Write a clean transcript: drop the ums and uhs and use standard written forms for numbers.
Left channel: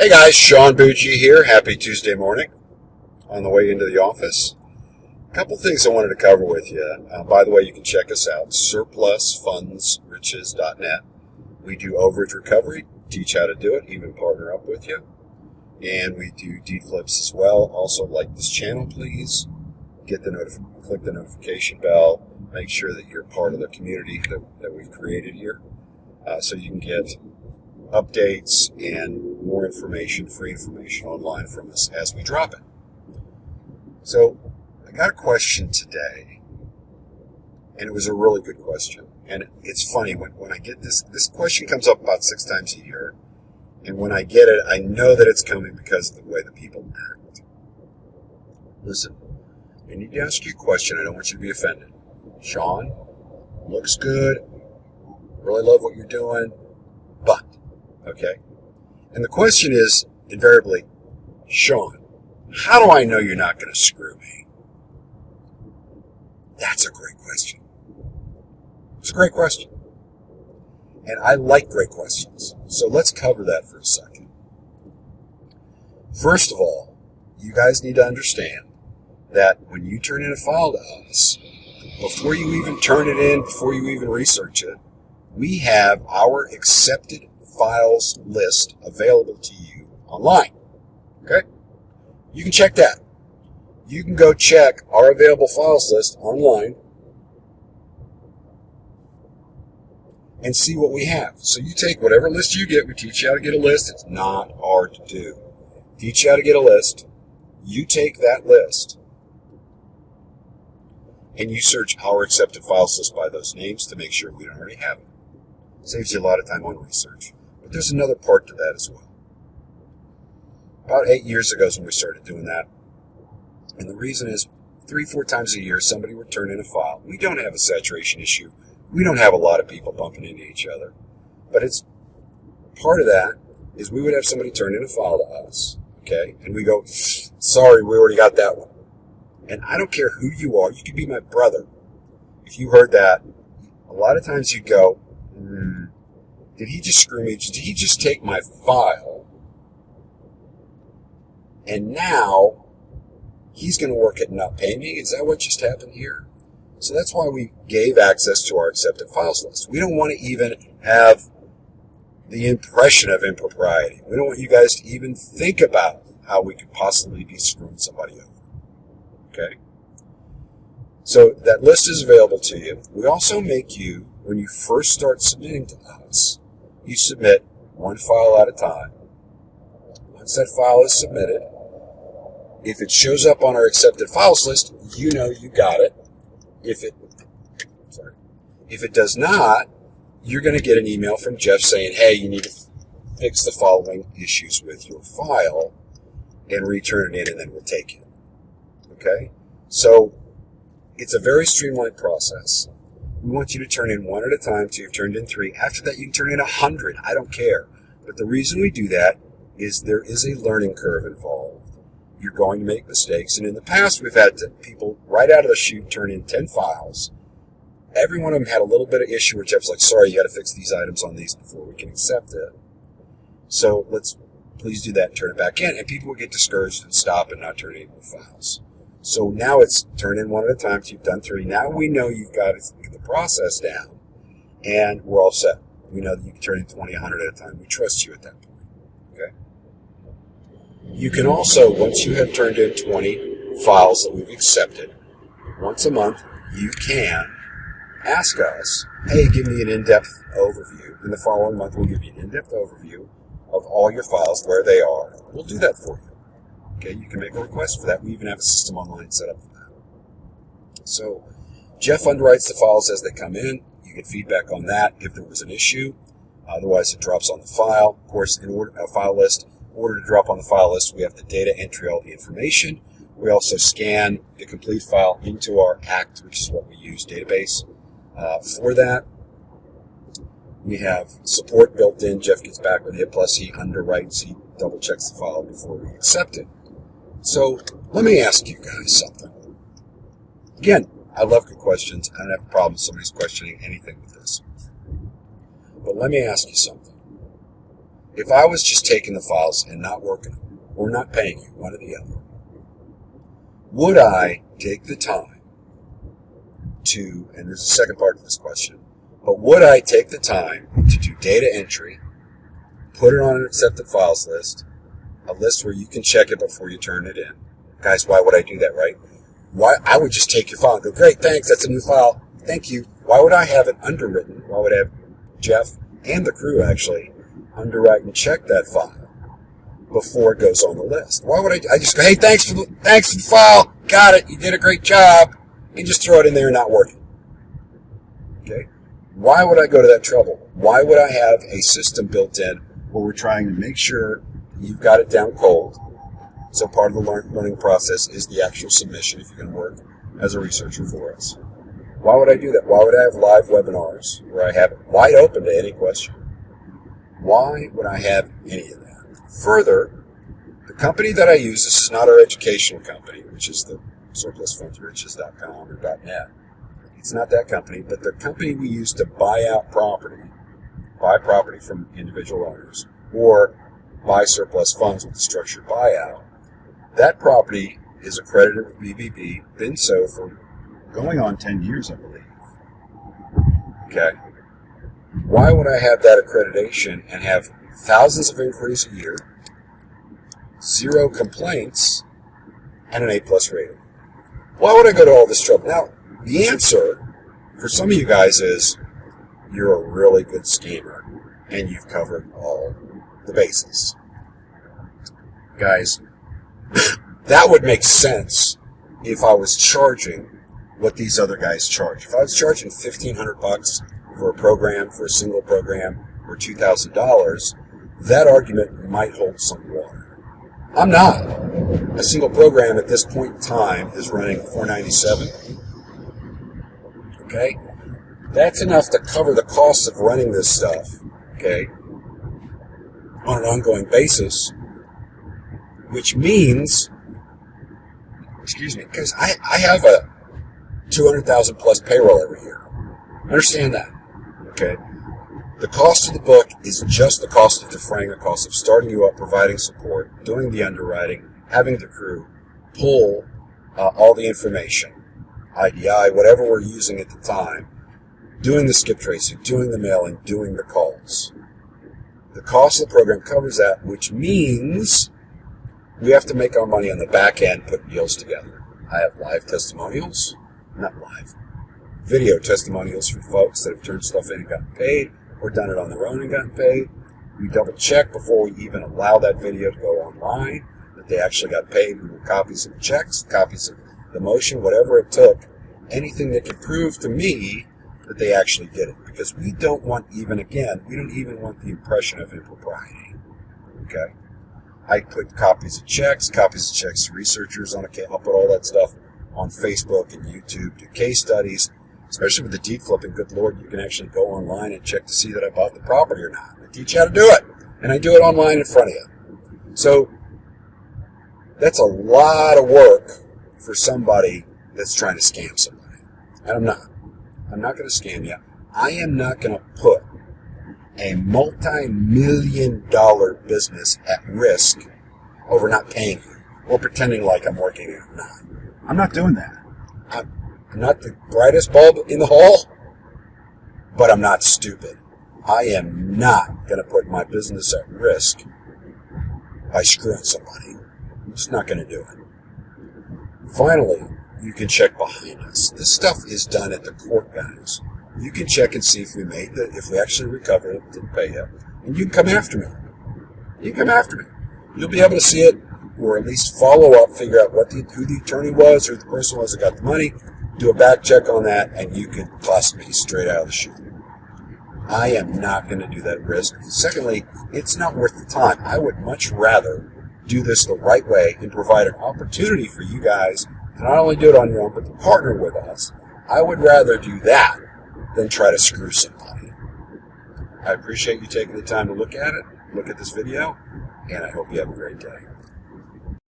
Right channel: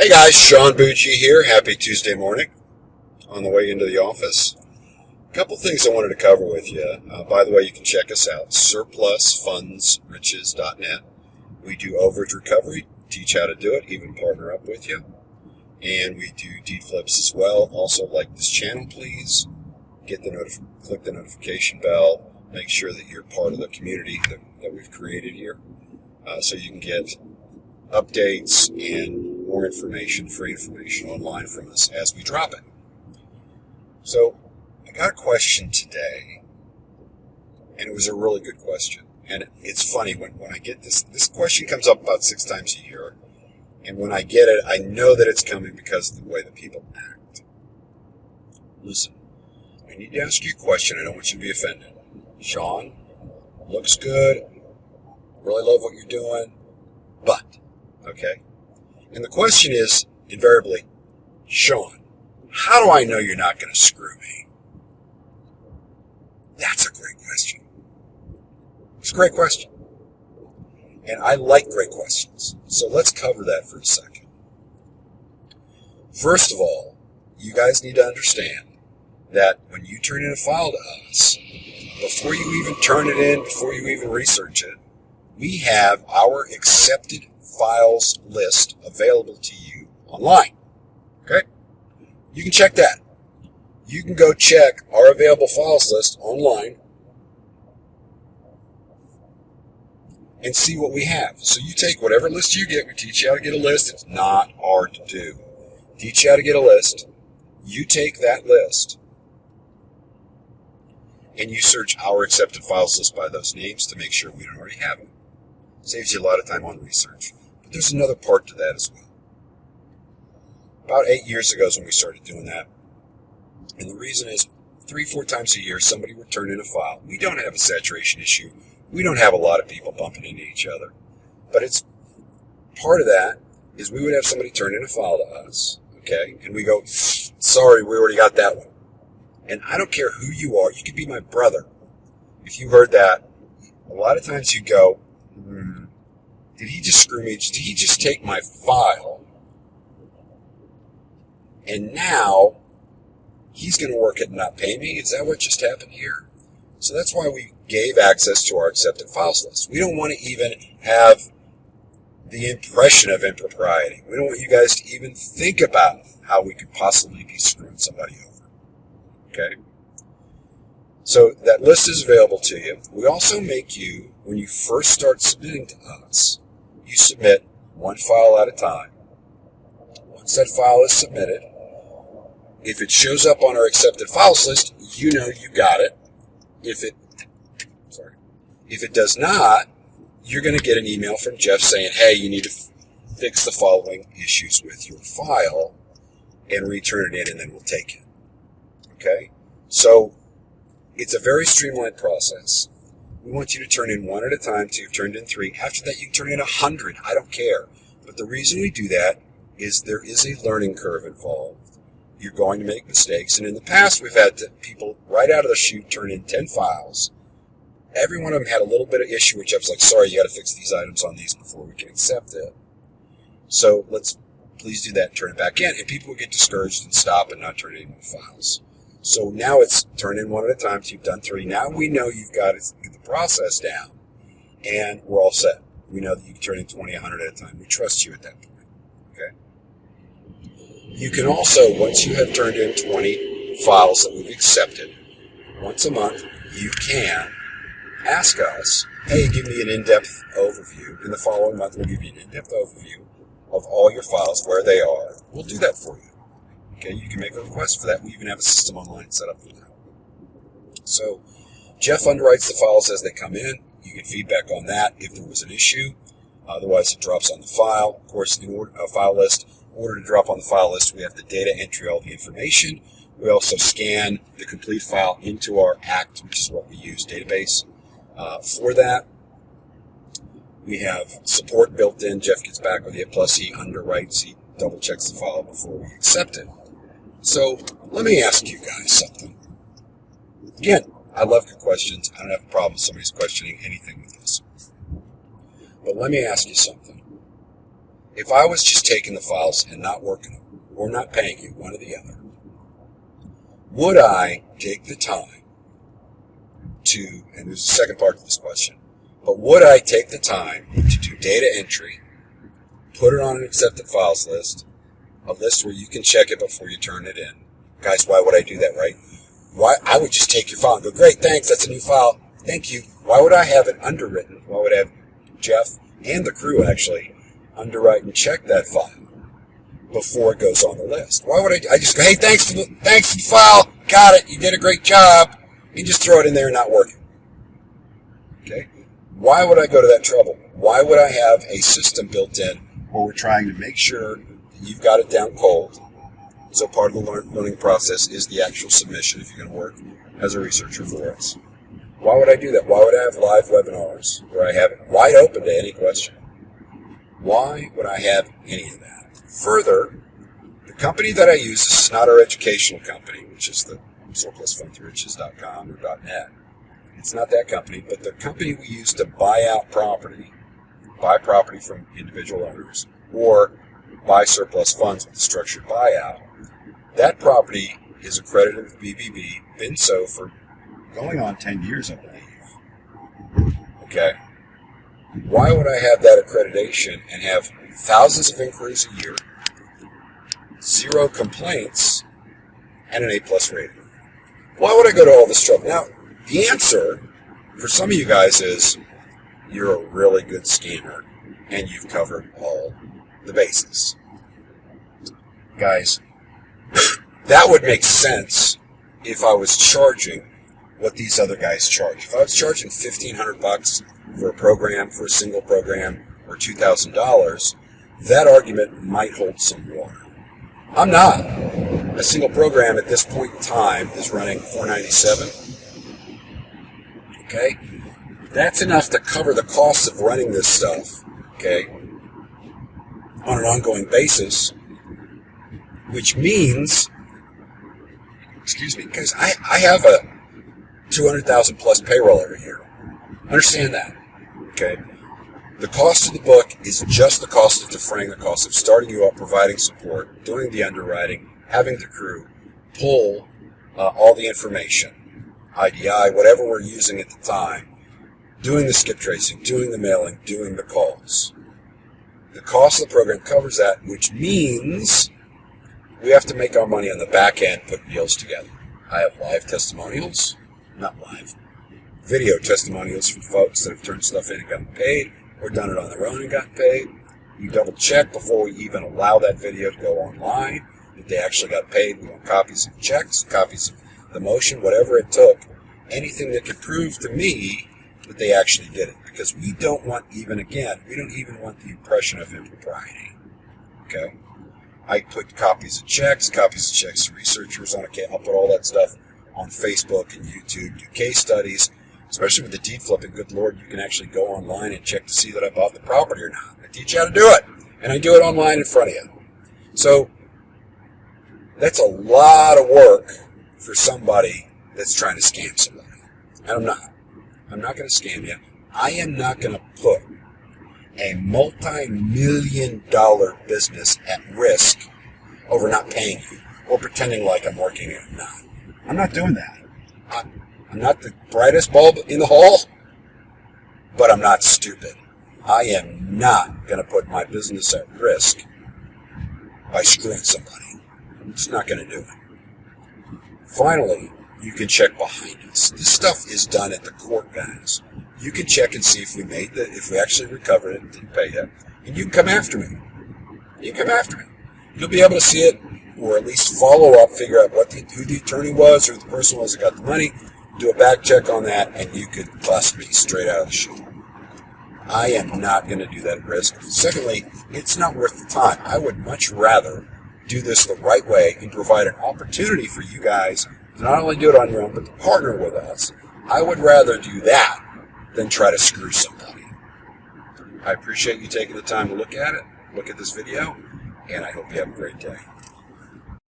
Hey guys, Sean Bucci here. Happy Tuesday morning on the way into the office. A couple things I wanted to cover with you. By the way, you can check us out, SurplusFundsRiches.net. We do overage recovery, teach how to do it, even partner up with you. And we do deed flips as well. Also, like this channel, please. Click the notification bell. Make sure that you're part of the community that we've created here, so you can get updates and more information, free information online from us as we drop it. So I got a question today, and it was a really good question. And it's funny, when I get this question comes up about 6 times a year, and when I get it, I know that it's coming because of the way that people act. Listen, I need to ask you a question. I don't want you to be offended. Sean, looks good, really love what you're doing, but, okay? And the question is, invariably, Sean, how do I know you're not going to screw me? That's a great question. It's a great question. And I like great questions. So let's cover that for a second. First of all, you guys need to understand that when you turn in a file to us, before you even turn it in, before you even research it, we have our accepted files list available to you online. Okay? You can check that. You can go check our available files list online and see what we have. So you take whatever list you get. We teach you how to get a list. It's not hard to do. Teach you how to get a list. You take that list and you search our accepted files list by those names to make sure we don't already have it. Saves you a lot of time on research. But there's another part to that as well. About 8 years ago is when we started doing that. And the reason is 3-4 times a year somebody would turn in a file. We don't have a saturation issue. We don't have a lot of people bumping into each other. But it's part of that is we would have somebody turn in a file to us, okay? And we go, sorry, we already got that one. And I don't care who you are. You could be my brother. If you heard that, a lot of times you go, did he just screw me? Did he just take my file? And now he's going to work it and not pay me? Is that what just happened here? So that's why we gave access to our accepted files list. We don't want to even have the impression of impropriety. We don't want you guys to even think about how we could possibly be screwing somebody over. Okay? So that list is available to you. We also make you, when you first start submitting to us, you submit one file at a time. Once that file is submitted, if it shows up on our accepted files list, you know you got it. If it does not, you're going to get an email from Jeff saying, hey, you need to fix the following issues with your file and return it in, and then we'll take it. Okay? So it's a very streamlined process. We want you to turn in one at a time till you've turned in 3. After that, you can turn in 100. I don't care. But the reason we do that is there is a learning curve involved. You're going to make mistakes. And in the past, we've had people right out of the chute turn in 10 files. Every one of them had a little bit of issue where Jeff's like, sorry, you got to fix these items on these before we can accept it. So let's please do that and turn it back in. And people will get discouraged and stop and not turn in more files. So now it's turn in one at a time. So you've done 3. Now we know you've got the process down, and we're all set. We know that you can turn in 20, 100 at a time. We trust you at that point. Okay. You can also, once you have turned in 20 files that we've accepted, once a month, you can ask us, hey, give me an in-depth overview. In the following month, we'll give you an in-depth overview of all your files, where they are. We'll do that for you. Okay, you can make a request for that. We even have a system online set up for that. So Jeff underwrites the files as they come in. You get feedback on that if there was an issue. Otherwise, it drops on the file. Of course, in order to drop on the file list, we have the data entry, all the information. We also scan the complete file into our ACT, which is what we use, database. For that, we have support built in. Jeff gets back with you, plus he underwrites, he double checks the file before we accept it. So let me ask you guys something. Again, I love good questions. I don't have a problem with somebody's questioning anything with this. But let me ask you something. if I was just taking the files and not working them, or not paying you, one or the other, would I take the time to, and there's a second part to this question, but would I take the time to do data entry, put it on an accepted files list, a list where you can check it before you turn it in? Guys, why would I do that, right? Why? I would just take your file and go, great, thanks, that's a new file, thank you. Why would I have it underwritten? Why would I have Jeff and the crew actually underwrite and check that file before it goes on the list? Why would I just go, hey, thanks for the file, got it, you did a great job, and just throw it in there and not working? Okay? Why would I go to that trouble? Why would I have a system built in where we're trying to make sure that you've got it down cold? So part of the learning process is the actual submission if you're going to work as a researcher for us. Why would I do that? Why would I have live webinars where I have it wide open to any question? Why would I have any of that? Further, the company that I use, this is not our educational company, which is the SurplusFundsRiches.com or .net. It's not that company, but the company we use to buy property from individual owners, or buy surplus funds with a structured buyout. That property is accredited with BBB, been so for going on 10 years, I believe. Okay. Why would I have that accreditation and have thousands of inquiries a year, 0 complaints, and an A+ rating? Why would I go to all this trouble? Now, the answer for some of you guys is you're a really good scammer and you've covered all the bases. Guys, that would make sense if I was charging what these other guys charge. If I was charging $1,500 for a program, for a single program, or $2,000, that argument might hold some water. I'm not. A single program at this point in time is running $497. Okay? That's enough to cover the costs of running this stuff, okay, on an ongoing basis, which means, because I have a 200,000 plus payroll every year. Understand that, okay? The cost of the book is just the cost of defraying the cost of starting you up, providing support, doing the underwriting, having the crew pull all the information, IDI, whatever we're using at the time, doing the skip tracing, doing the mailing, doing the calls. The cost of the program covers that, which means we have to make our money on the back end putting deals together. I have live testimonials, not live, video testimonials from folks that have turned stuff in and gotten paid, or done it on their own and gotten paid. We double check before we even allow that video to go online that they actually got paid. We want copies of checks, copies of the motion, whatever it took, anything that could prove to me that they actually did it. Because we don't even want the impression of impropriety. Okay? I put copies of checks to researchers on I'll put all that stuff on Facebook and YouTube, do case studies, especially with the deed flipping. Good Lord, you can actually go online and check to see that I bought the property or not. I teach you how to do it, and I do it online in front of you. So that's a lot of work for somebody that's trying to scam somebody. And I'm not. I'm not going to scam you. I am not going to put a multi-million-dollar business at risk over not paying you or pretending like I'm working here. No, I'm not doing that. I'm not the brightest bulb in the hall, but I'm not stupid. I am not going to put my business at risk by screwing somebody. I'm just not going to do it. Finally, you can check behind us. This stuff is done at the court, guys. You can check and see if we actually recovered it, didn't pay you, and you can come after me. You can come after me. You'll be able to see it, or at least follow up, figure out who the attorney was, who the person was that got the money, do a back check on that, and you could bust me straight out of the chute. I am not going to do that at risk. Secondly, it's not worth the time. I would much rather do this the right way and provide an opportunity for you guys to not only do it on your own, but to partner with us. I would rather do that than try to screw somebody. I appreciate you taking the time to look at this video, and I hope you have a great day.